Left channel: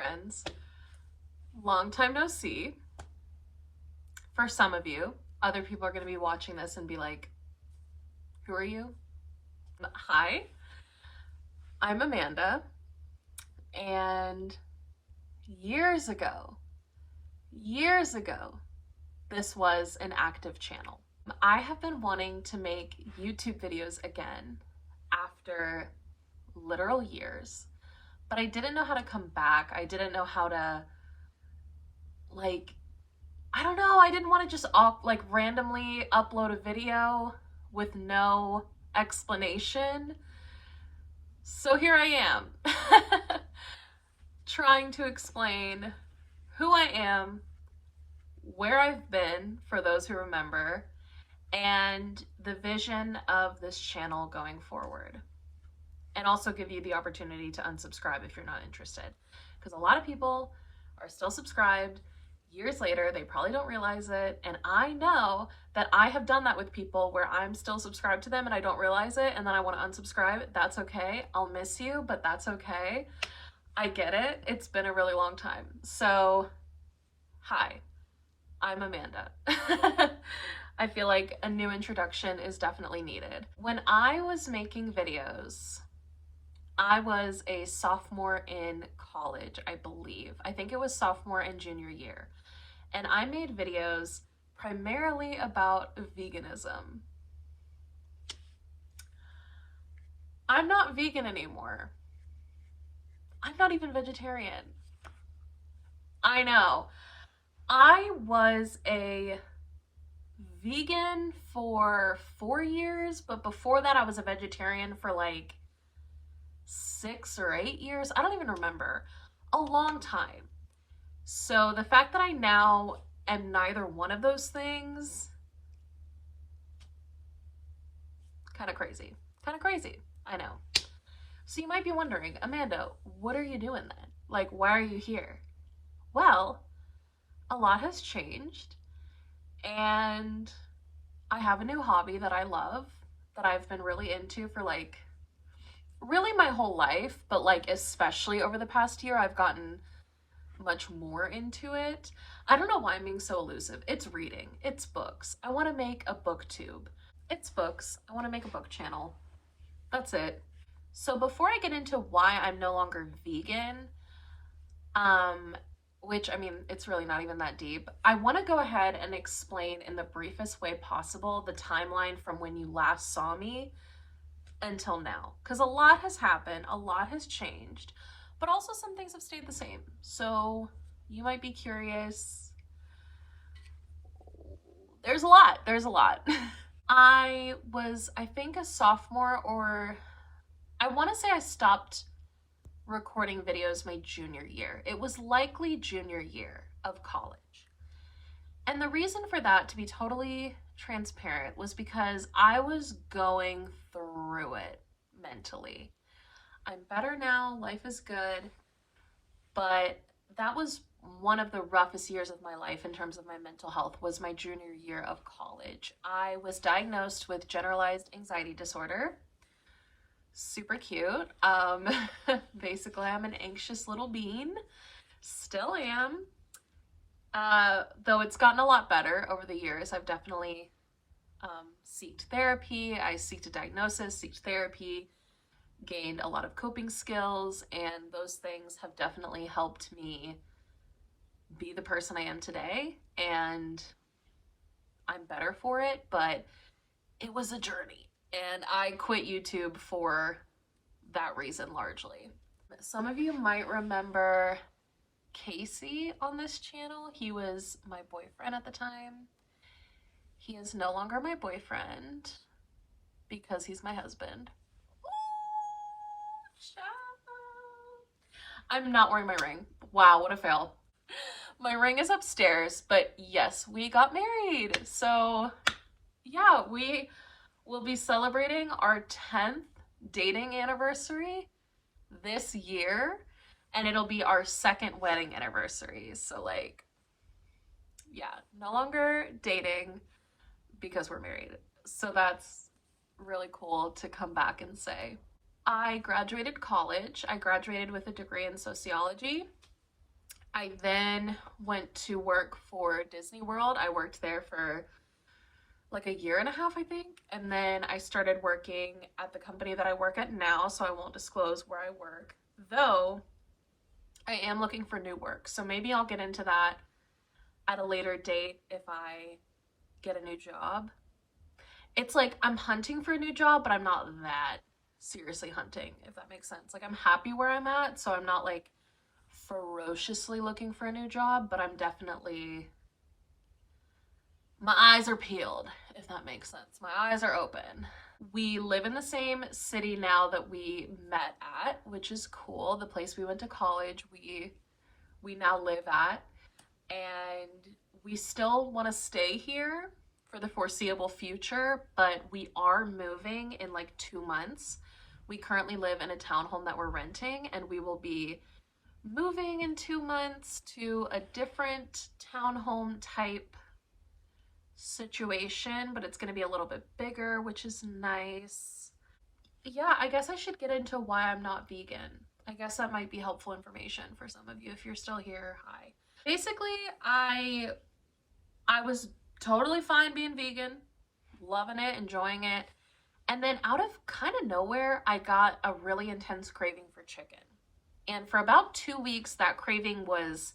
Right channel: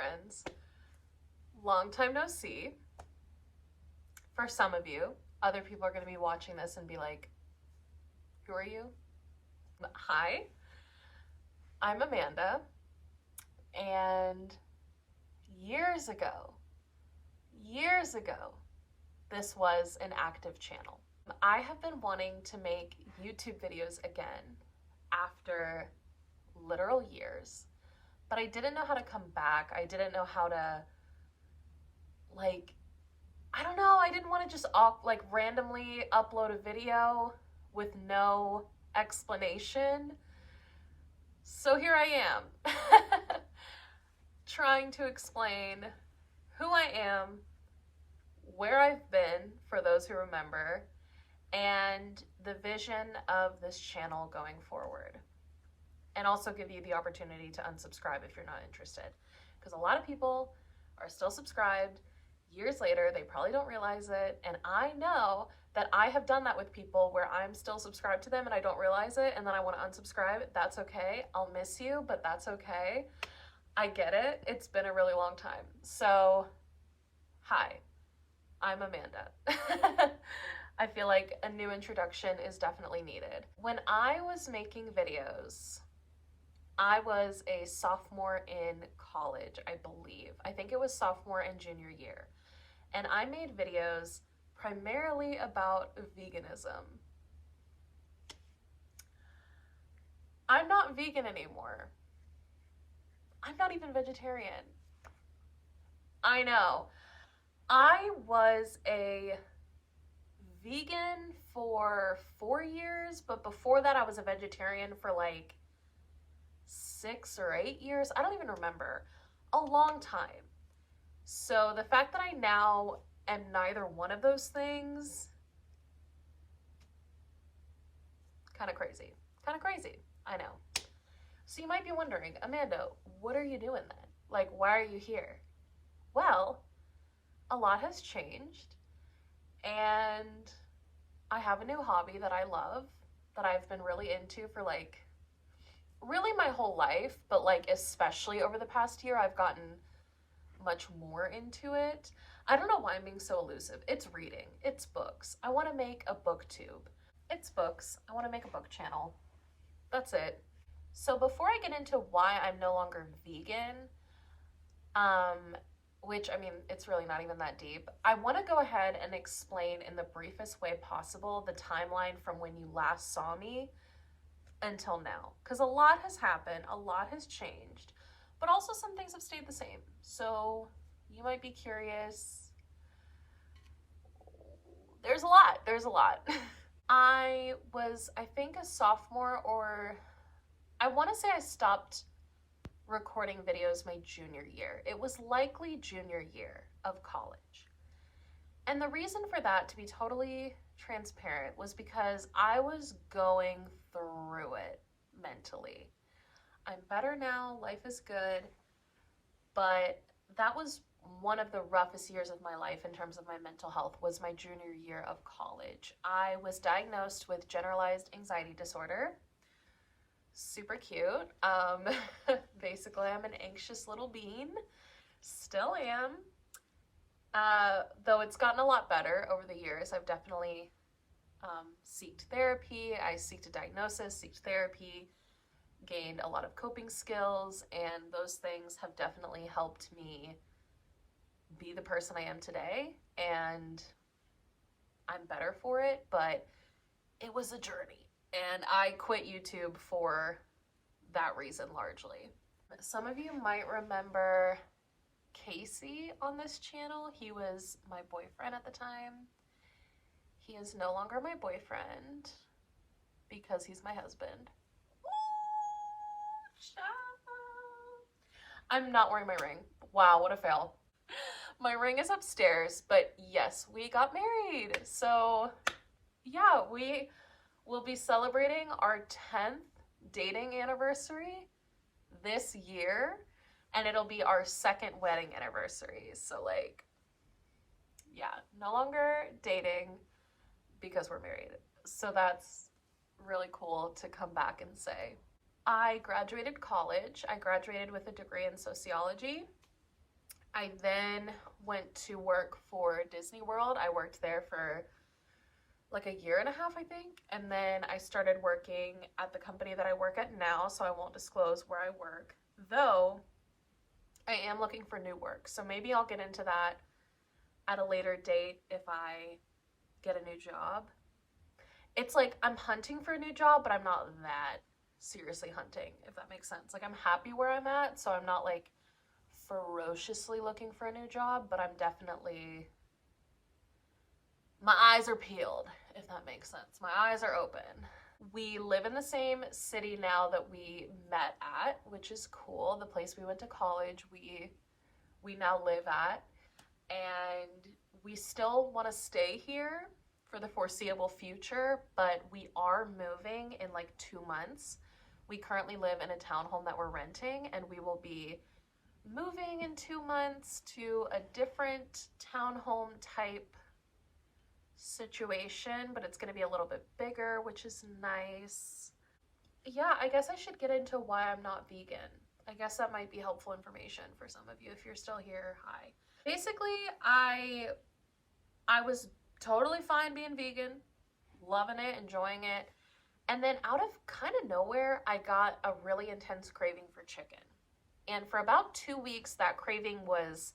friends. Long time no see. For some of you, other people are going to be watching this and be like, who are you? Hi, I'm Amanda, and years ago, this was an active channel. I have been wanting to make YouTube videos again after literal years, but I didn't know how to come back. I didn't know how to, I don't know, I didn't want to just randomly upload a video with no explanation. So here I am, trying to explain who I am, where I've been, for those who remember, and the vision of this channel going forward. And also give you the opportunity to unsubscribe if you're not interested. Because a lot of people are still subscribed. Years later, they probably don't realize it. And I know that I have done that with people where I'm still subscribed to them and I don't realize it, and then I want to unsubscribe. That's okay. I'll miss you, but that's okay. I get it. It's been a really long time. So, hi, I'm Amanda. I feel like a new introduction is definitely needed. When I was making videos, I was a sophomore in college, I believe. I think it was sophomore and junior year. And I made videos primarily about veganism. I'm not vegan anymore. I'm not even vegetarian. I know. I was a vegan for 4 years, but before that I was a vegetarian for like 6 or 8 years. I don't even remember. A long time. So the fact that I now am neither one of those things, kind of crazy. Kind of crazy. I know. So you might be wondering, Amanda, what are you doing then? Like, why are you here? Well, a lot has changed, and I have a new hobby that I love, that I've been really into for like really my whole life, but like especially over the past year I've gotten much more into it. I don't know why I'm being so elusive. It's reading. It's books. I want to make a booktube. It's books. I want to make a book channel. That's it. So before I get into why I'm no longer vegan, which, I mean, it's really not even that deep, I want to go ahead and explain in the briefest way possible the timeline from when you last saw me until now. Because a lot has happened, a lot has changed, but also some things have stayed the same. So you might be curious. There's a lot. I was, I think, a sophomore, or I want to say I stopped recording videos my junior year. It was likely junior year of college. And the reason for that, to be totally transparent, was because I was going through it mentally. I'm better now, life is good, but that was one of the roughest years of my life in terms of my mental health, was my junior year of college. I was diagnosed with generalized anxiety disorder. Super cute. Basically, I'm an anxious little bean. Still am. Though it's gotten a lot better over the years. I've definitely sought therapy. I sought a diagnosis, sought therapy, gained a lot of coping skills, and those things have definitely helped me be the person I am today, and I'm better for it, but it was a journey. And I quit YouTube for that reason largely. Some of you might remember Casey on this channel. He was my boyfriend at the time. He is no longer my boyfriend because he's my husband. I'm not wearing my ring. Wow, what a fail. My ring is upstairs, but yes, we got married. So yeah, we will be celebrating our 10th dating anniversary this year, and it'll be our 2nd wedding anniversary. So like, yeah, no longer dating because we're married. So that's really cool to come back and say. I graduated college. I graduated with a degree in sociology. I then went to work for Disney World. I worked there for like a year and a half, I think. And then I started working at the company that I work at now, so I won't disclose where I work. Though I am looking for new work. So maybe I'll get into that at a later date if I get a new job. It's like I'm hunting for a new job, but I'm not that seriously hunting, if that makes sense. Like I'm happy where I'm at, so I'm not like ferociously looking for a new job, but I'm definitely, my eyes are peeled, if that makes sense. My eyes are open. We live in the same city now that we met at, which is cool. The place we went to college, we now live at, and we still want to stay here for the foreseeable future, but we are moving in like 2 months. We currently live in a townhome that we're renting, and we will be moving in 2 months to a different townhome type situation, but it's going to be a little bit bigger, which is nice. Yeah, I guess I should get into why I'm not vegan. I guess that might be helpful information for some of you if you're still here. Hi. Basically, I was totally fine being vegan, loving it, enjoying it. And then out of kind of nowhere, I got a really intense craving for chicken. And for about 2 weeks, that craving was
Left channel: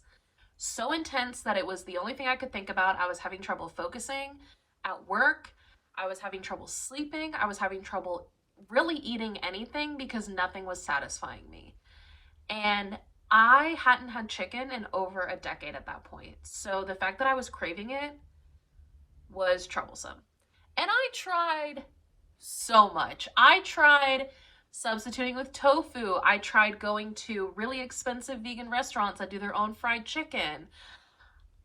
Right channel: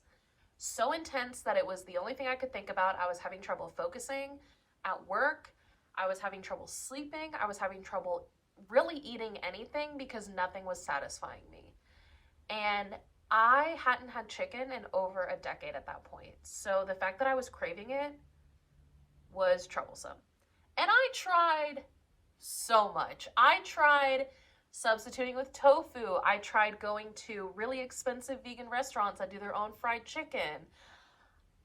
so intense that it was the only thing I could think about. I was having trouble focusing at work. I was having trouble sleeping. I was having trouble really eating anything because nothing was satisfying me. And I hadn't had chicken in over a decade at that point. So the fact that I was craving it was troublesome. And I tried so much. I tried substituting with tofu. I tried going to really expensive vegan restaurants that do their own fried chicken.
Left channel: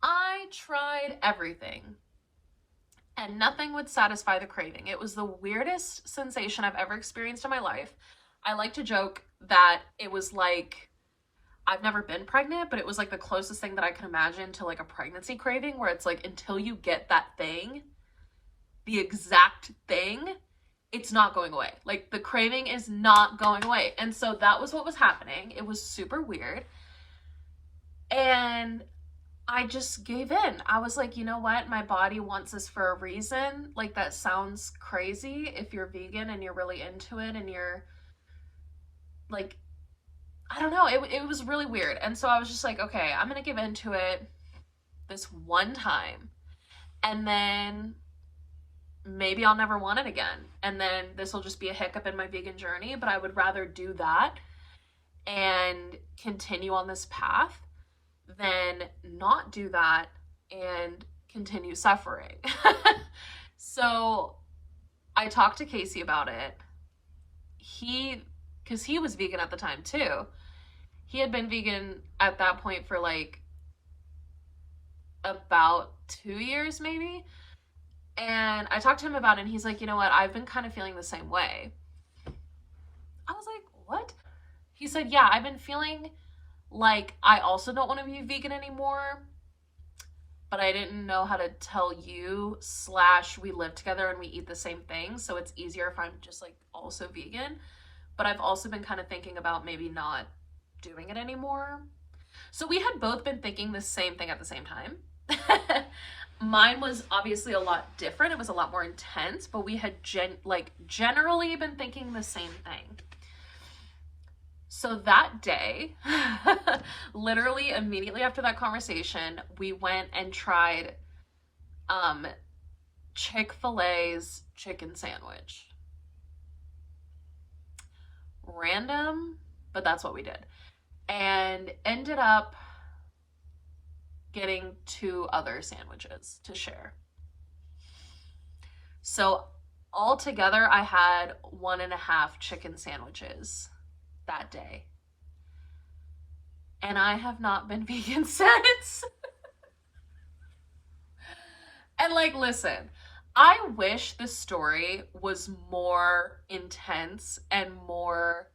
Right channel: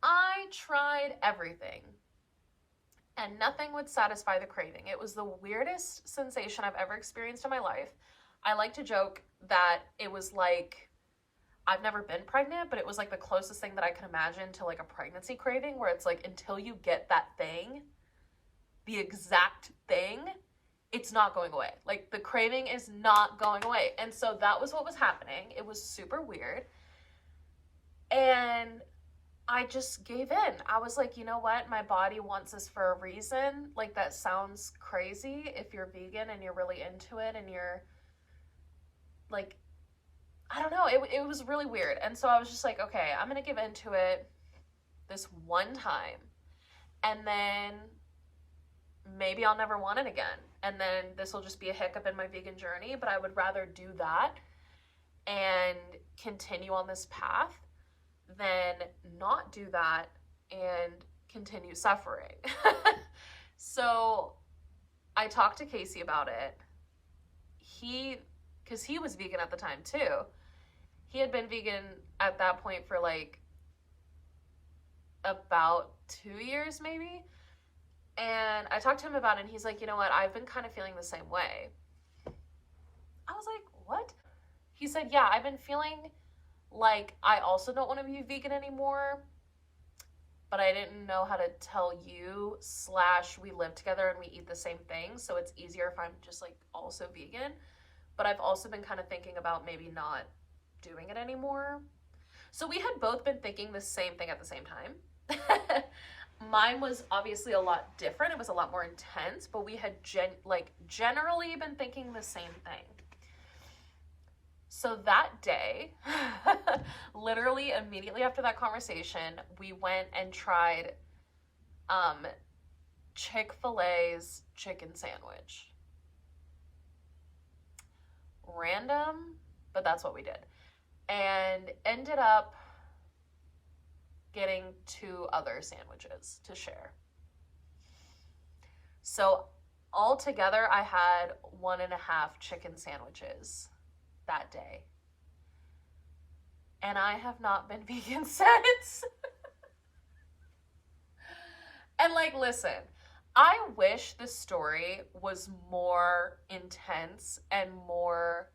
I tried everything, and nothing would satisfy the craving. It was the weirdest sensation I've ever experienced in my life. I like to joke that it was like, I've never been pregnant, but it was like the closest thing that I can imagine to like a pregnancy craving, where it's like until you get that thing, the exact thing, it's not going away. Like the craving is not going away. And so that was what was happening. It was super weird. And I just gave in. I was like, you know what? My body wants this for a reason. Like that sounds crazy if you're vegan and you're really into it and you're like, I don't know. It was really weird. And so I was just like, okay, I'm going to give into it this one time. And then maybe I'll never want it again. And then this will just be a hiccup in my vegan journey, but I would rather do that and continue on this path than not do that and continue suffering. So I talked to Casey about it. Because he was vegan at the time too. He had been vegan at that point for like about 2 years maybe. And I talked to him about it, and he's like, you know what? I've been kind of feeling the same way. I was like, what? He said, yeah, I've been feeling like I also don't want to be vegan anymore, but I didn't know how to tell you, / we live together and we eat the same thing, so it's easier if I'm just like also vegan. But I've also been kind of thinking about maybe not doing it anymore. So we had both been thinking the same thing at the same time. Mine was obviously a lot different. It was a lot more intense, but we had generally been thinking the same thing. So that day, literally immediately after that conversation, we went and tried Chick-fil-A's chicken sandwich. Random, but that's what we did. And ended up getting 2 other sandwiches to share. So altogether, I had 1.5 chicken sandwiches that day. And I have not been vegan since. And like, listen, I wish this story was more intense and more,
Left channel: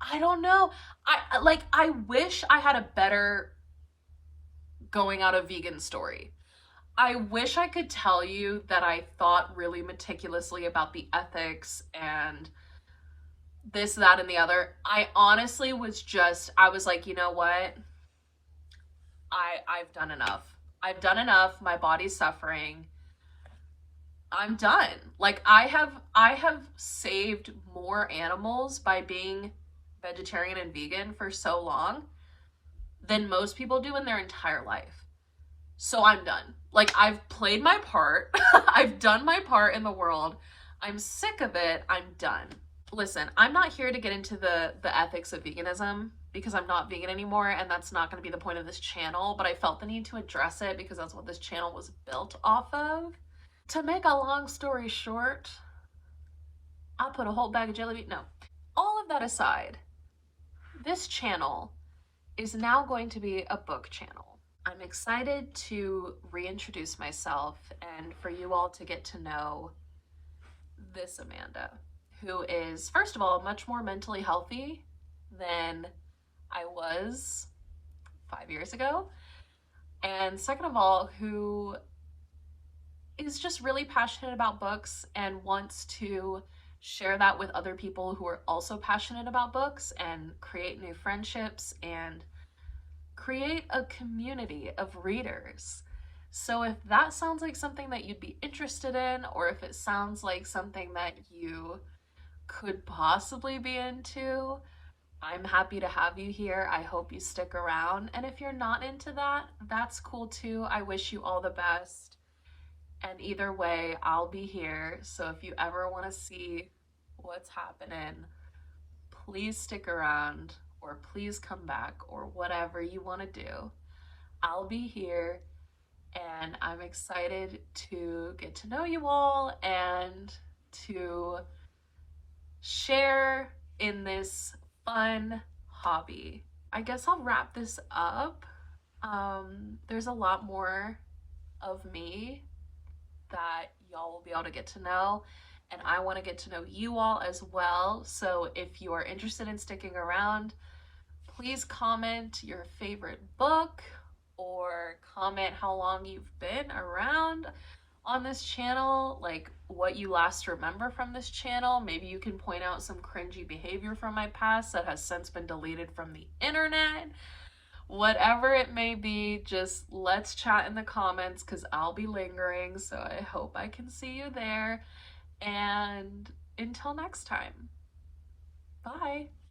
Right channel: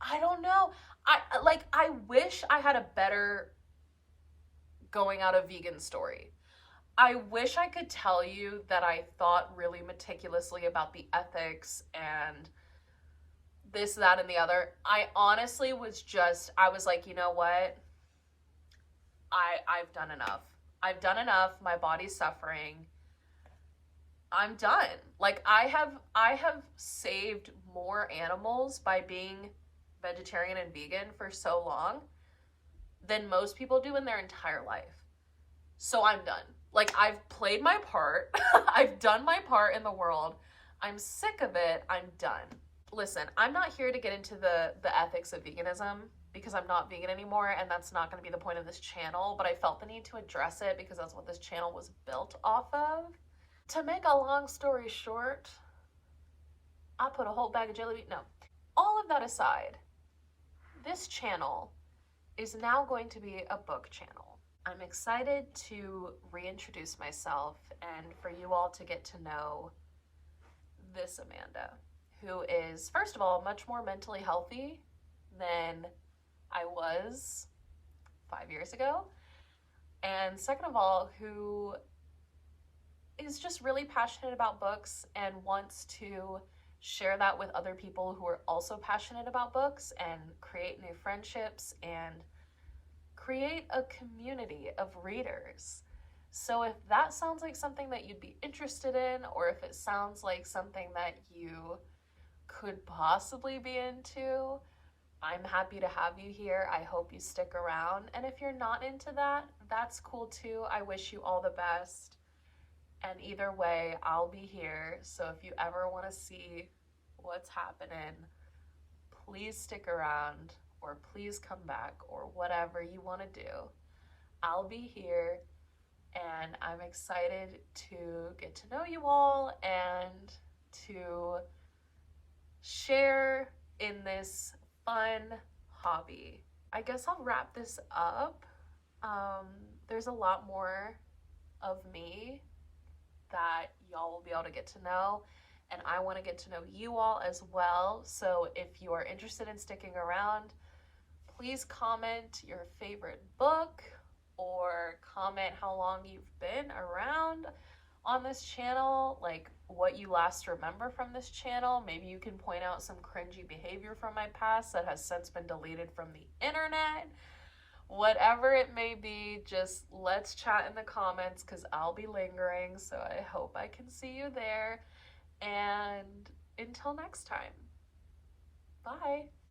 I don't know. I wish I had a better going out of vegan story. I wish I could tell you that I thought really meticulously about the ethics and this, that, and the other. I honestly was just, I was like, you know what? I've done enough. I've done enough. My body's suffering. I'm done. Like I have saved more animals by being vegetarian and vegan for so long than most people do in their entire life. So I'm done. Like I've played my part. I've done my part in the world. I'm sick of it. I'm done. Listen, I'm not here to get into the ethics of veganism because I'm not vegan anymore and that's not going to be the point of this channel, but I felt the need to address it because that's what this channel was built off of. To make a long story short, I put a whole bag of jelly beans. No. All of that aside, this channel is now going to be a book channel. I'm excited to reintroduce myself and for you all to get to know this Amanda, who is, first of all, much more mentally healthy than I was 5 years ago. And second of all, who is just really passionate about books and wants to share that with other people who are also passionate about books and create new friendships and create a community of readers. So if that sounds like something that you'd be interested in, or if it sounds like something that you could possibly be into, I'm happy to have you here. I hope you stick around. And if you're not into that, that's cool too. I wish you all the best. And either way, I'll be here. So if you ever want to see what's happening, please stick around or please come back or whatever you want to do. I'll be here and I'm excited to get to know you all and to share in this fun hobby. I guess I'll wrap this up. There's a lot more of me that y'all will be able to get to know, and I want to get to know you all as well. So if you are interested in sticking around, please comment your favorite book or comment how long you've been around on this channel, like what you last remember from this channel. Maybe you can point out some cringy behavior from my past that has since been deleted from the internet. Whatever it may be, just let's chat in the comments because I'll be lingering, so I hope I can see you there. And until next time, bye.